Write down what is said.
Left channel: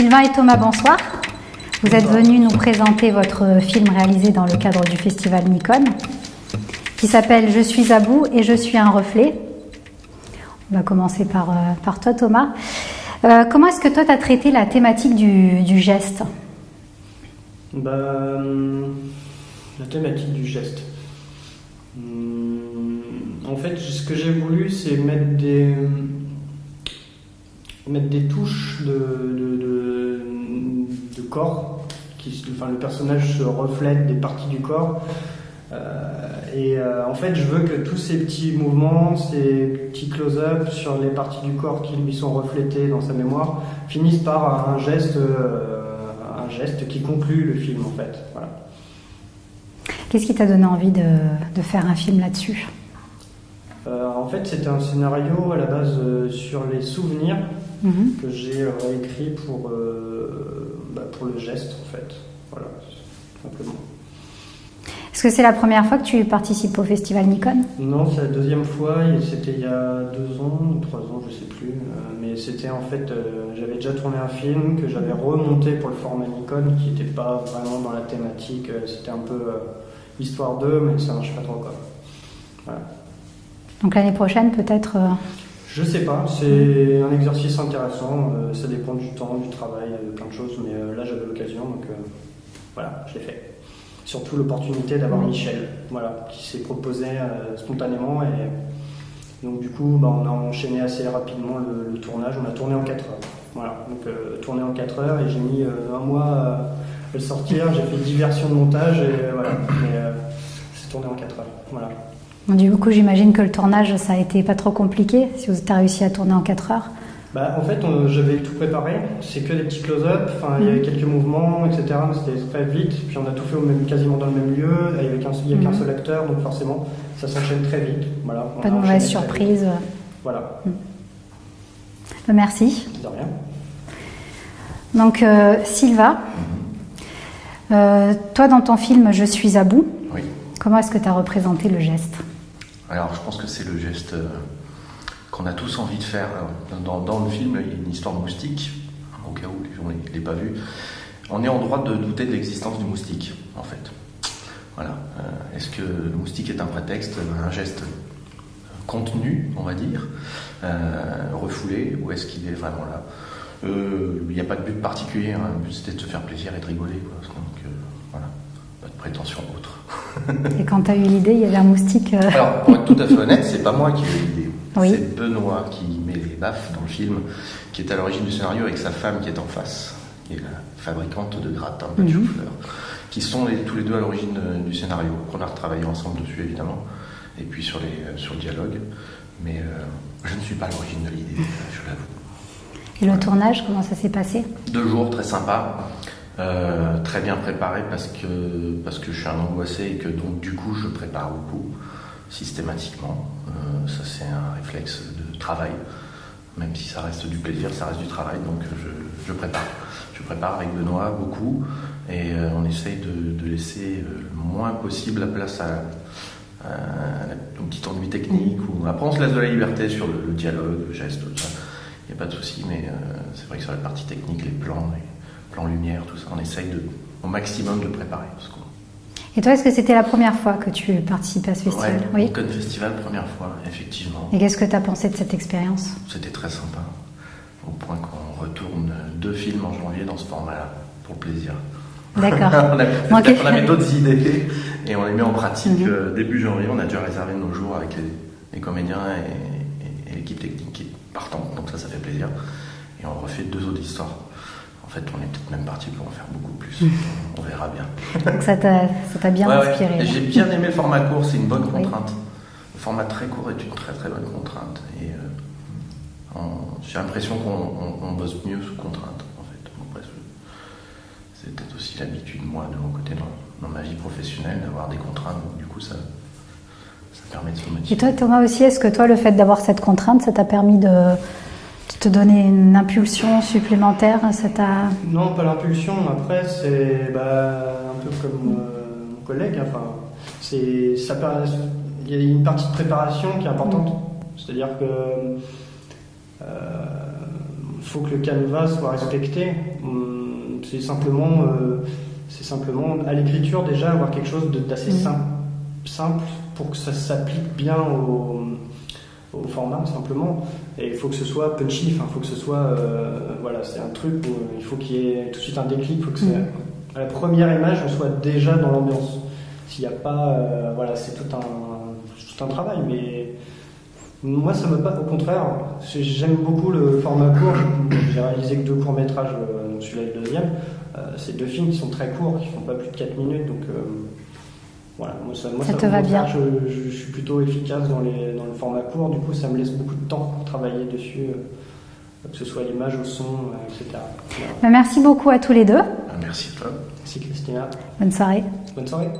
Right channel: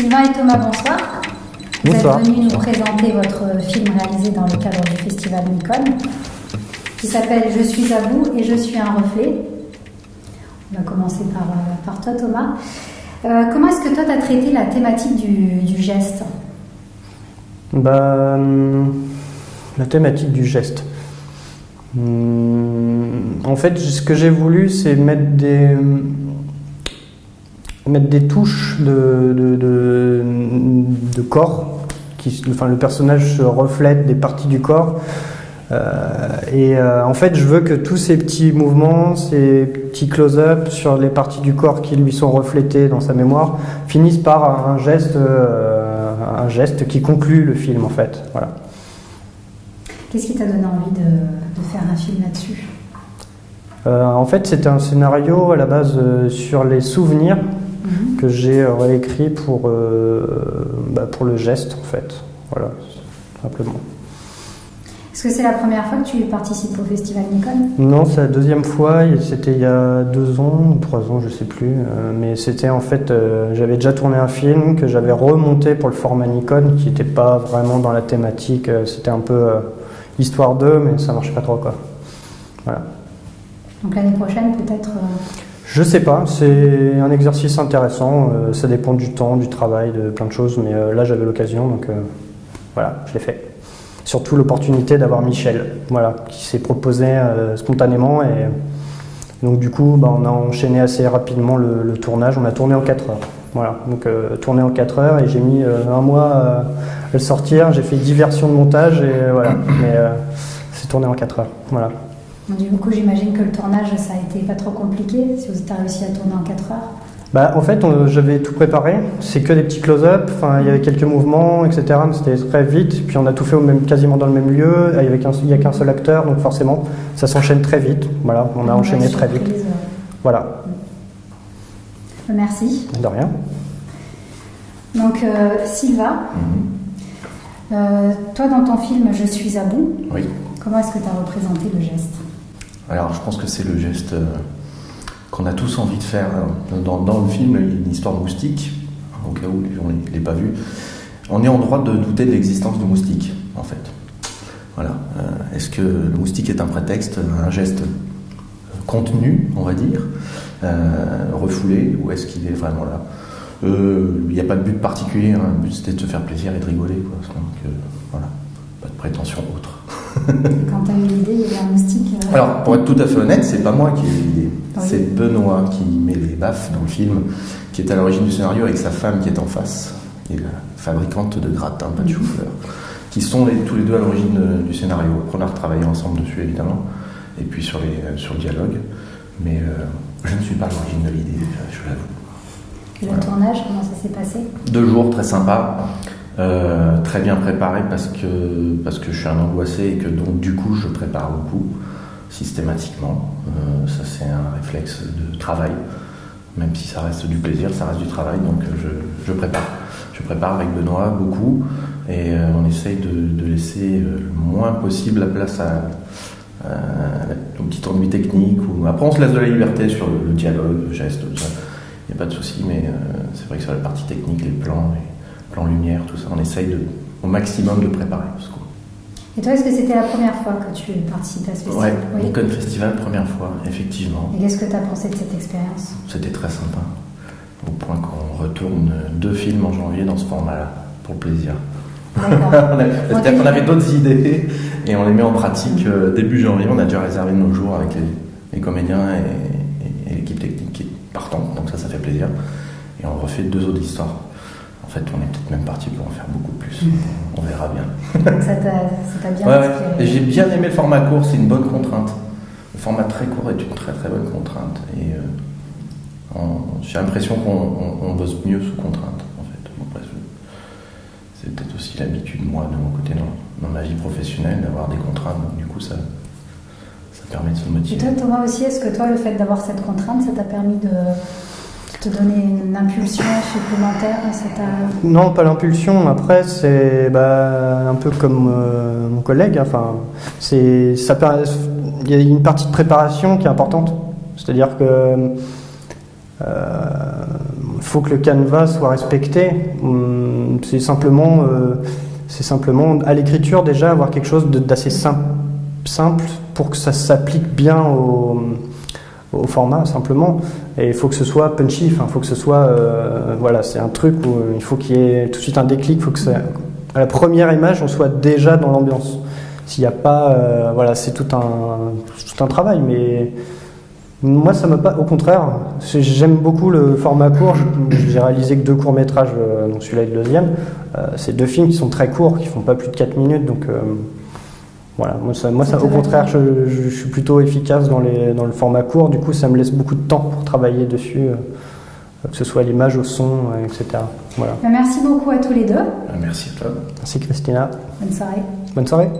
Sylvain et Thomas, bonsoir. Vous Bonsoir. êtes venus nous présenter votre film réalisé dans le cadre du festival Nikon, qui s'appelle « Je suis à bout et je suis un reflet ». On va commencer par toi, Thomas. Comment est-ce que toi, tu as traité la thématique du geste? La thématique du geste. En fait, ce que j'ai voulu, c'est mettre des touches de corps. Le personnage se reflète des parties du corps. En fait, je veux que tous ces petits mouvements, ces petits close-up sur les parties du corps qui lui sont reflétées dans sa mémoire, finissent par un geste qui conclut le film, en fait. Voilà. Qu'est-ce qui t'a donné envie de faire un film là-dessus? En fait, c'était un scénario à la base sur les souvenirs que j'ai réécrit pour le geste, en fait. Voilà, simplement. Est-ce que c'est la première fois que tu participes au festival Nikon? Non, c'est la deuxième fois. C'était il y a 2 ans ou 3 ans, je sais plus. Mais c'était en fait, j'avais déjà tourné un film que j'avais remonté pour le format Nikon, qui n'était pas vraiment dans la thématique. C'était un peu histoire d'eux, mais ça marche pas trop, quoi. Voilà. Donc l'année prochaine, peut-être Je sais pas, c'est un exercice intéressant, ça dépend du temps, du travail, de plein de choses, mais là j'avais l'occasion, donc voilà, je l'ai fait. Surtout l'opportunité d'avoir Michel, voilà, qui s'est proposé spontanément, et donc du coup on a enchaîné assez rapidement le tournage, on a tourné en 4 heures. Voilà, donc tourné en 4 heures, et j'ai mis 1 mois à le sortir, j'ai fait 10 versions de montage, et voilà, mais c'est tourné en 4 heures, voilà. Du coup, j'imagine que le tournage, ça a été pas trop compliqué, si vous avez réussi à tourner en 4 heures. En fait, j'avais tout préparé. C'est que des petits close-up. Il y avait quelques mouvements, etc. Mais c'était très vite. Puis on a tout fait quasiment dans le même lieu. Il n'y a qu'un seul acteur, donc forcément, ça s'enchaîne très vite. Voilà, on a enchaîné très vite. Voilà. Merci. De rien. Donc, Sylvain, toi, dans ton film « Je suis à bout », oui. Comment est-ce que tu as représenté le geste? Alors, je pense que c'est le geste qu'on a tous envie de faire. Dans le film, il y a une histoire de moustique, au cas où les gens ne l'aient pas vu. On est en droit de douter de l'existence du moustique, en fait. Voilà. Est-ce que le moustique est un prétexte, un geste contenu, on va dire, refoulé, ou est-ce qu'il est vraiment là? Il n'y a pas de but particulier, hein. Le but c'était de se faire plaisir et de rigoler, quoi. Donc, voilà. Pas de prétention autre. Et quand tu as eu l'idée, il y avait un moustique Alors, pour être tout à fait honnête, c'est pas moi qui ai eu l'idée. Oui. C'est Benoît qui met les baffes dans le film, qui est à l'origine du scénario avec sa femme qui est en face, qui est la fabricante de gratin, pas de chou-fleur, qui sont tous les deux à l'origine du scénario. On a retravaillé ensemble dessus, évidemment, et puis sur le dialogue. Mais je ne suis pas à l'origine de l'idée, je l'avoue. Et le tournage, comment ça s'est passé? 2 jours très sympas. Très bien préparé parce que je suis un angoissé et que donc du coup je prépare beaucoup systématiquement. Ça c'est un réflexe de travail, même si ça reste du plaisir, ça reste du travail, donc je prépare. Je prépare avec Benoît beaucoup, et on essaye de laisser le moins possible la place au petit ennui technique. Après on se laisse de la liberté sur le dialogue, le geste, tout ça. Il n'y a pas de souci, mais c'est vrai que sur la partie technique, les plans lumière, tout ça, on essaye au maximum de préparer. Et toi, est-ce que c'était la première fois que tu participais à ce festival? Oui, Nikon Festival, première fois, effectivement. Et qu'est-ce que tu as pensé de cette expérience? C'était très sympa, au point qu'on retourne 2 films en janvier dans ce format-là, pour le plaisir. D'accord. on avait d'autres idées, et on les met en pratique début janvier. On a déjà réservé nos jours avec les comédiens et l'équipe technique qui est partante, donc ça fait plaisir. Et on refait 2 autres histoires. En fait, on est peut-être même parti pour en faire beaucoup plus. On verra bien. Donc ça t'a bien inspiré. Et j'ai bien aimé le format court, c'est une bonne contrainte. Le format très court est une très très bonne contrainte. Et j'ai l'impression qu'on bosse mieux sous contrainte, en fait. Après, c'est peut-être aussi l'habitude, moi, de mon côté, dans ma vie professionnelle, d'avoir des contraintes. Donc, du coup, ça permet de se motiver. Et toi, Thomas, aussi, est-ce que toi, le fait d'avoir cette contrainte, ça t'a permis de te donner une impulsion supplémentaire? Non, pas l'impulsion. Après, c'est un peu comme mon collègue. Enfin, il y a une partie de préparation qui est importante. C'est-à-dire que faut que le canevas soit respecté. C'est simplement à l'écriture déjà avoir quelque chose d'assez simple pour que ça s'applique bien au format simplement. Et il faut que ce soit punchy, il faut que ce soit voilà, c'est un truc où il faut qu'il y ait tout de suite un déclic, il faut que à la première image on soit déjà dans l'ambiance. S'il n'y a pas voilà, c'est tout un travail, mais moi ça m'a pas, au contraire, j'aime beaucoup le format court. J'ai réalisé que 2 courts-métrages, donc celui-là et le deuxième. C'est 2 films qui sont très courts, qui font pas plus de 4 minutes, donc voilà, moi ça, au contraire, je suis plutôt efficace dans le format court, du coup ça me laisse beaucoup de temps pour travailler dessus, que ce soit à l'image, au son, etc. Voilà. Merci beaucoup à tous les deux. Merci à toi. Merci Christina. Bonne soirée. Bonne soirée.